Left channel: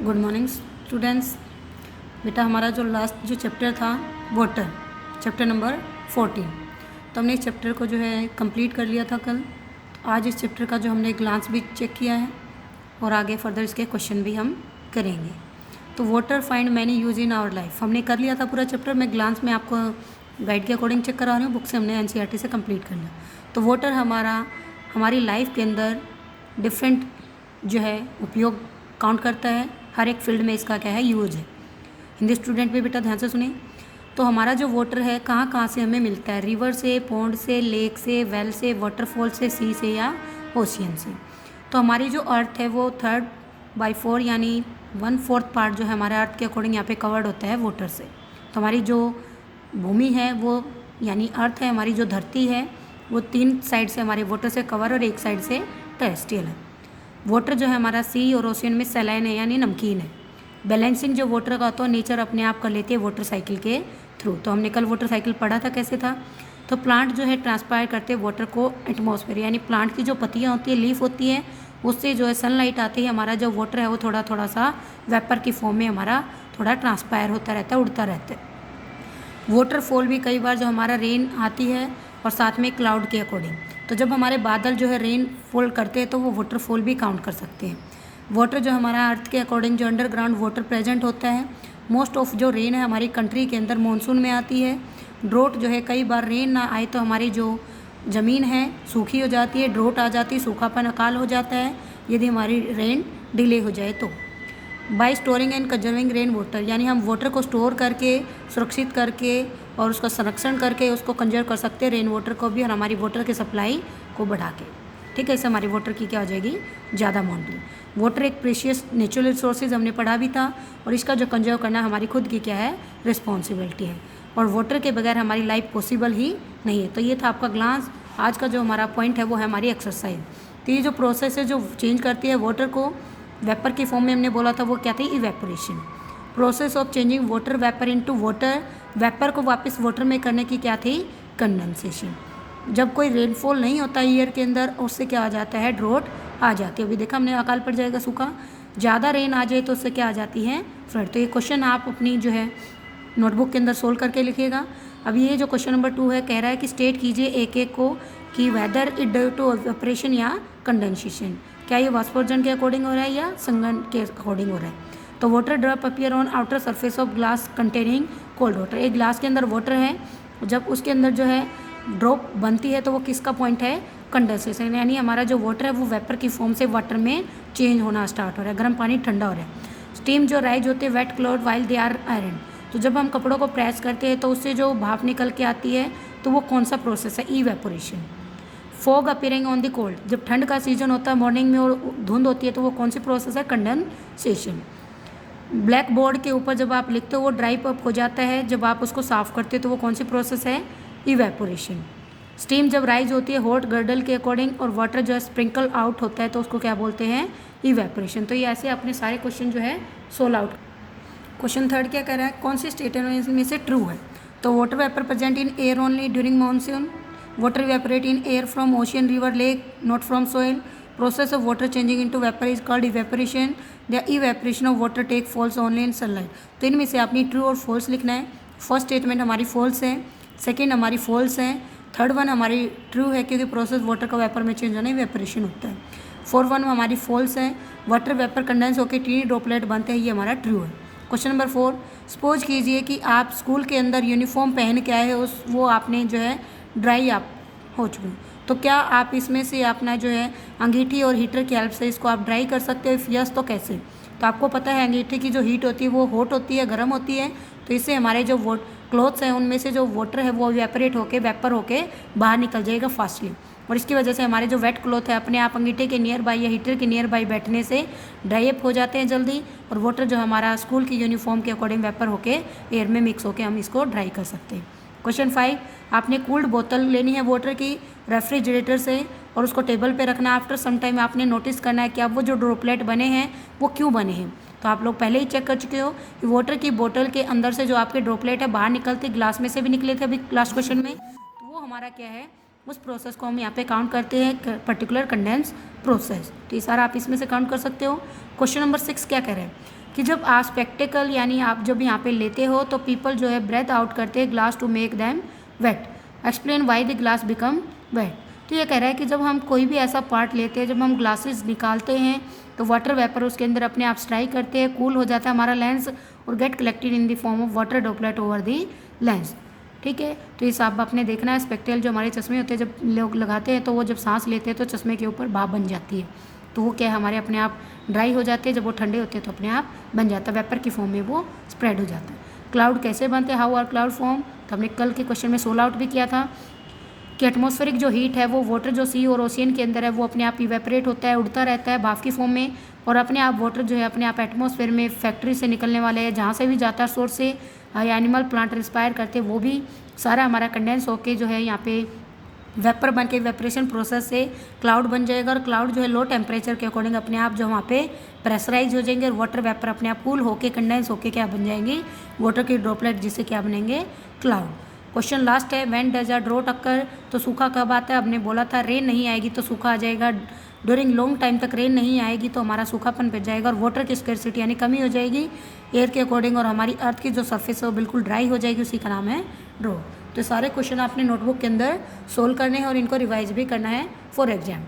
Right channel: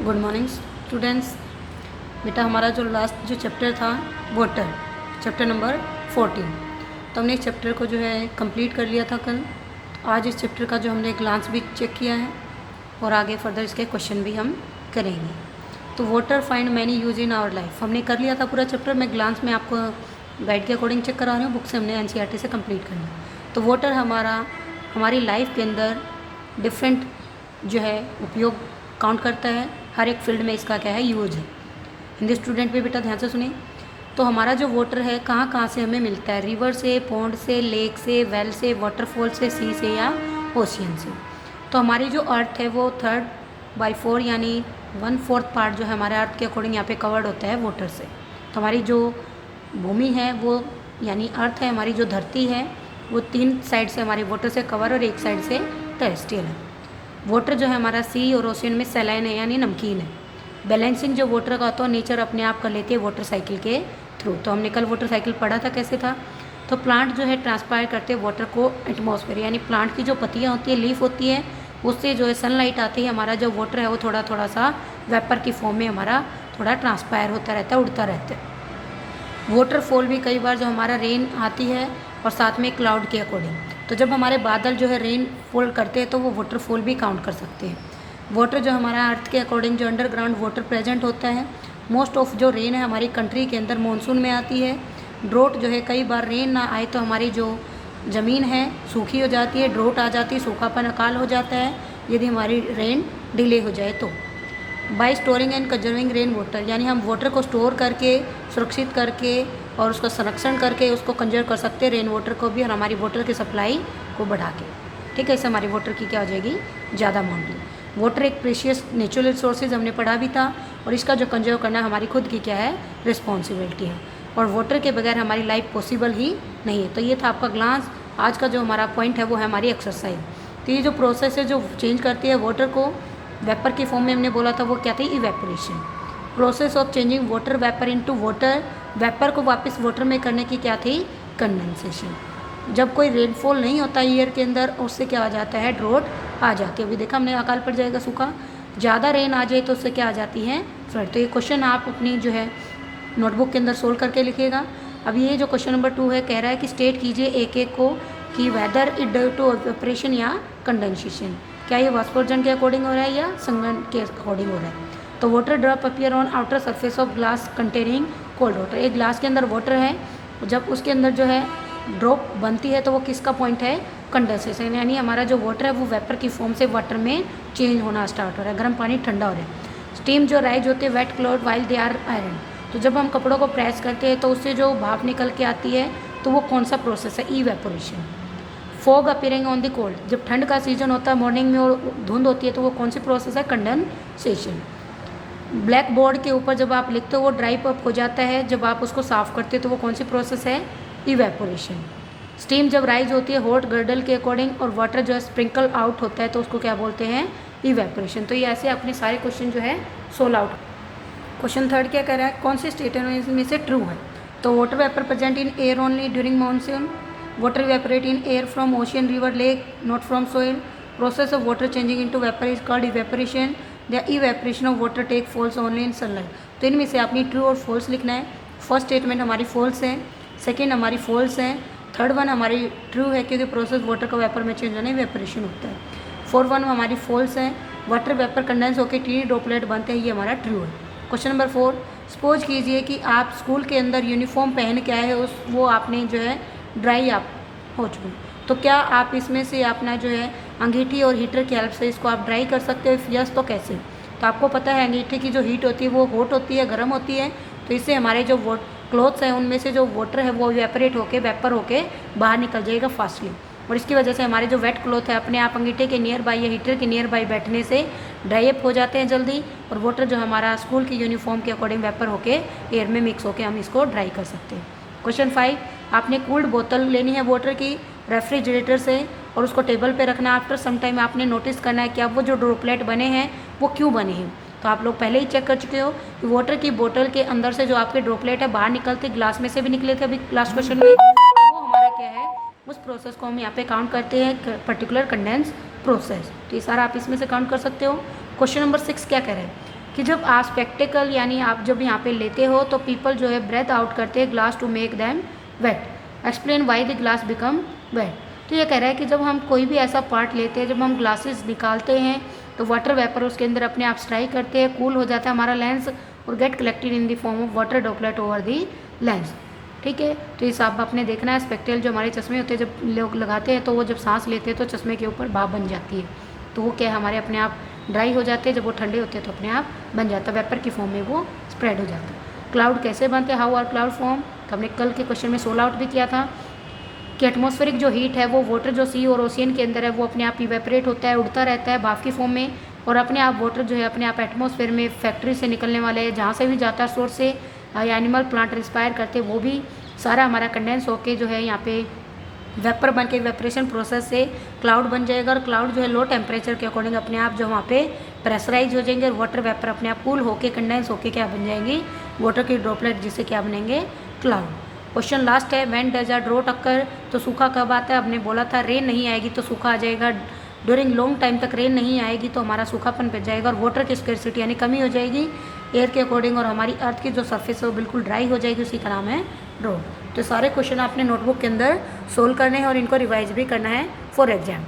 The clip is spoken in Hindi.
Good morning students. बेटा हमारा जो लास्ट जो चैप्टर था वाटर, चैप्टर नंबर 14, तो हमने इस चैप्टर को जो है कंप्लीट कर लिया था कल। तो आज इस चैप्टर का जो हमने ग्लांस भी चेक किया है और आगे फर्दर इसके क्वेश्चन भी हम करेंगे। तो water find many use in our life हमने कर लिया था पूरा चैप्टर। मैं ग्लांस में आपको गाइड के अकॉर्डिंग चेक करा रही हूँ, बुक से हमने एनसीईआरटी से कंप्लीट करना। तो वाटर हमारी लाइफ के अंदर डिफरेंट जो है उपयोग काउंट करता है। हर एक फील्ड में इसका क्या है यूज है। हिंदी स्टूडेंट भी बेटा ध्यान से सुने। तो हमारा जो वाटर है कहाँ कहाँ से हमें मिलता है, रिवर से, पॉन्ड से, लेक से, वेल से, वाटरफॉल से, सी से या ओशियन से। तो हमारी जो अर्थ है वो 3/4 यानी 1/4 पार्ट जो है हमारे अर्थ के अकॉर्डिंग यहाँ पे कवर्ड होता है वाटर से। तो हमारी जो भूमि है वो यानी अर्थ है, हमारी जो धरती है वो 3 साइड से हमारे वाटर से कवर और 1 साइड से टेरेस्ट्रियल है। वाटर जो है हमारा सी और ओशियन में सैलाइन है यानी नमकीन है। बैलेंसिंग जो वाटर का होता है नेचर अपने आप कर लेती है वाटर साइकिल के थ्रू। तो हमने कल वाटर साइकिल पढ़ा था कैसे था। तो प्लांट जो है ट्रांसपायर करते हैं वाटर को एटमॉस्फेयर, यानी प्लांट की जो पत्तियाँ होती है, लीफ होती है, उससे जो है सनलाइट आती है, हमारा जो वाटर है वो थोड़ा थोड़ा सा वेपर की फॉर्म में हमारा थोड़ा ट्रांसपायर होता रहता है, उड़ता रहता है। वाटरफॉल भी कई बार जो हमारा रेन आती है और साथ में क्लाउड के अकॉर्डिंग, तो जब हमारे बादल जो है रेन फॉल करते हैं तो वो वाटरफॉल भी काउंट कर सकते हैं। वाटर जो हमारा अर्थ के अकॉर्डिंग जो अंडरग्राउंड वाटर प्रेजेंट होता है। मोस्ट ऑफ जो रेन है हमारी कंट्री के अंदर मानसून में आती है। ड्रोट जो है कई बार रेन ना आए तो हमारी जो ज़मीन है सूखी हो जाती है, ड्रोट आ जाती है, सूखापन अकाल हो जाता है यदि हमारी रेन डिले हो जाए तो। Bye storing and conserving rain water, यानी हम वाटर को स्टोर करके, सुरक्षित करके और उसका संरक्षण करके उसको कंजर्व कर सकते हैं, रेन वाटर को भी, और हमारी वाटर की सप्लाई को बढ़ा के। ठीक है, इससे हमारी वाटर की क्या हो जाएगी, ज़्यादा अमाउंट। वाटर एक प्रेशियस नेचुरल रिसोर्सेज हमने पढ़ा भी था, और इसका जो कंजर्व करना हमारी खुद की क्या है रिस्पॉन्सिबिलिटी है, और वाटर के बगैर हमारी लाइफ पॉसिबल ही नहीं है। तो ये था आपका ग्लांस। आज का जो हमारा पॉइंट है वो है हमारी एक्सरसाइज। तो ये जो प्रोसेस है जो चेंज करती है वाटर को वेपर की फॉर्म में, हमने बोला था वो क्या थी, evaporation. Process of changing water vapour into water, vapour को वापस वाटर में करने की क्या थी, कंडेंसेशन। जब कोई रेनफॉल नहीं होता ईयर के अंदर, उससे क्या आ जाता है, ड्रोट आ जाती है। अभी देखा हमने अकाल पड़ जाएगा, सूखा। ज़्यादा रेन आ जाए तो उससे क्या आ जाती है, फ्लड। तो ये क्वेश्चन आप अपनी जो है नोटबुक के अंदर सोल्व करके लिखिएगा। अब ये जो क्वेश्चन नंबर 2 है, कह रहा है कि स्टेट कीजिए एक एक को कि whether it due to evaporation या कंडेंसेशन, क्या ये वाष्पोर्जन के अकॉर्डिंग हो रहा है या संघनन के अकॉर्डिंग हो रहा है। तो water drop appear on outer surface of glass containing cold water. एक ग्लास के अंदर वाटर है, जब उसके अंदर जो है ड्रॉप बनती है तो वो किसका पॉइंट है, कंडेंसेशन, यानी हमारा जो वाटर है वो वेपर की फॉर्म से वाटर में चेंज होना स्टार्ट हो रहा है, गर्म पानी ठंडा हो रहा है। स्टीम जो राइज होती है wet cloud while they are iron, तो जब हम कपड़ों को प्रेस करते हैं तो उससे जो भाप निकल के आती है तो वो कौन सा प्रोसेस है, evaporation. Fog appearing on the cold, जब ठंड का सीजन होता है मॉर्निंग में और धुंध होती है तो वो कौन सी प्रोसेस है, कंडेंसेशन। ब्लैक बोर्ड के ऊपर जब आप लिखते हो वो ड्राई अप हो जाता है, जब आप उसको साफ़ करते हो तो वो कौन सी प्रोसेस है, इवेपोरेशन। स्टीम जब राइज होती है हॉट गर्डल के अकॉर्डिंग और वाटर जो है स्प्रिंकल आउट होता है तो उसको क्या बोलते हैं, इवेपोरेशन। तो ये ऐसे अपने सारे क्वेश्चन जो है सोल्व आउट। क्वेश्चन 3 क्या कह रहा है, कौन सी स्टेटमेंट में से ट्रू है। तो water vapour present in air only during monsoon, water evaporate in air from ocean river lake not from soil, process of water changing into vapour is called evaporation, the evaporation of water take falls only in sunlight. तो इनमें से आपने ट्रू और फॉल्स लिखना है। फर्स्ट स्टेटमेंट हमारी फॉल्स है, सेकेंड हमारी फॉल्स है, थर्ड वन हमारी ट्रू है क्योंकि प्रोसेस वाटर का वेपर में चेंज होना इवेपोरेशन होता है। फोर्थ वन हमारी फॉल्स है, वाटर वेपर कंडेंस होकर टीनी ड्रॉपलेट बनते हैं, ये हमारा ट्रू है। क्वेश्चन नंबर 4, सपोज कीजिए कि आप स्कूल के अंदर यूनिफॉर्म पहन के आए हो, वो आपने जो है ड्राई आप हो चुके, तो क्या आप इसमें से अपना जो है अंगीठी और हीटर की हेल्प से इसको आप ड्राई कर सकते हो, यस तो कैसे। तो आपको पता है अंगीठी की जो हीट होती है वो हॉट होती है, गर्म होती है, तो इससे हमारे जो क्लॉथ्स हैं उनमें से जो वाटर है वो इवेपोरेट होके वेपर होके बाहर निकल जाएगा फास्टली, और इसकी वजह से हमारे जो वेट क्लॉथ है अपने आप अंगीठे के नियर बाई या हीटर के नियर बाई बैठने से ड्राई अप हो जाते हैं जल्दी, और वाटर जो हमारा स्कूल की यूनिफॉर्म के अकॉर्डिंग वेपर होके एयर में मिक्स होके हम इसको ड्राई कर सकते हैं। क्वेश्चन 5, आपने कूल्ड बोतल लेनी है वाटर की रेफ्रिजरेटर से और उसको टेबल पे रखना है। आफ्टर सम टाइम आपने नोटिस करना है कि अब वो जो ड्रॉपलेट बने हैं वो क्यों बने हैं। तो आप लोग पहले ही चेक कर चुके हो कि वाटर की बोतल के अंदर से जो आपके ड्रॉपलेट है बाहर निकलते, ग्लास में से भी निकले थे अभी लास्ट क्वेश्चन में, तो वो हमारा क्या है, उस प्रोसेस को हम यहाँ पे काउंट करते हैं, पर्टिकुलर कंडेंस प्रोसेस। तो ये सारा आप इसमें से काउंट कर सकते हो। क्वेश्चन नंबर 6 क्या कह रहा है, कि जब आप स्पेक्टिकल यानी आप जब यहाँ पे लेते हो तो पीपल जो है ब्रेथ आउट करते हैं glass to make them wet. Explain why the glass become wet. तो ये कह रहा है कि जब हम कोई भी ऐसा पार्ट लेते हैं, जब हम ग्लासेस निकालते हैं तो वाटर वेपर उसके अंदर अपने आप स्ट्राइक करते हैं, कूल हो जाता है हमारा लेंस और get collected in the form of water droplet over the lens. ठीक है, तो इस आप आपने देखना है स्पेक्टेल जो हमारे चश्मे होते हैं जब लोग लगाते हैं तो वो जब सांस लेते हैं तो चश्मे के ऊपर भाप बन जाती है, तो वो क्या हमारे अपने आप ड्राई हो जाते हैं, जब वो ठंडे होते हैं तो अपने आप बन जाता है, वेपर की फॉर्म में वो स्प्रेड हो जाता है। क्लाउड कैसे बनते हैं, हाउ आर क्लाउड फॉर्म, तो हमने कल के क्वेश्चन में सोल आउट भी किया था कि एटमॉस्फेरिक जो हीट है वो वाटर जो सी और ओशियन के अंदर है वो अपने आप इवेपरेट होता है, उड़ता रहता है भाप की फॉर्म में, और अपने आप वाटर जो है अपने आप एटमॉस्फेयर में फैक्ट्री से निकलने वाले जहाँ से भी जाता है सोर्स से या एनिमल प्लांट रिस्पायर करते हैं वो भी सारा हमारा कंडेंस होके जो है यहाँ पे वेपर बन के वेपरेशन प्रोसेस से क्लाउड बन जाएगा, और क्लाउड जो है लो टेम्परेचर के अकॉर्डिंग अपने आप जो वहाँ पे प्रेशराइज हो जाएंगे और वाटर वेपर अपने आप कूल होके कंडेंस होके क्या बन जाएंगी, वाटर की ड्रॉपलेट, जिससे क्या बनेंगे क्लाउड। क्वेश्चन लास्ट है, व्हेन डज अ ड्रॉट अकर, तो सूखा कब आता है, हमने बोला था रेन नहीं आएगी तो सूखा आ जाएगा, ड्यूरिंग लॉन्ग टाइम तक रेन नहीं आएगी तो हमारा सूखापन बढ़ जाएगा और वाटर की स्केर्सिटी यानी कमी हो जाएगी एयर के अकॉर्डिंग, और हमारी अर्थ की जो सरफेस है वो बिल्कुल ड्राई हो जाएगी, उसी का नाम है ड्रॉट। तो सारे क्वेश्चन आपने नोटबुक के अंदर सोल्व करने हैं और इनको रिवाइज भी करना है फॉर एग्जाम।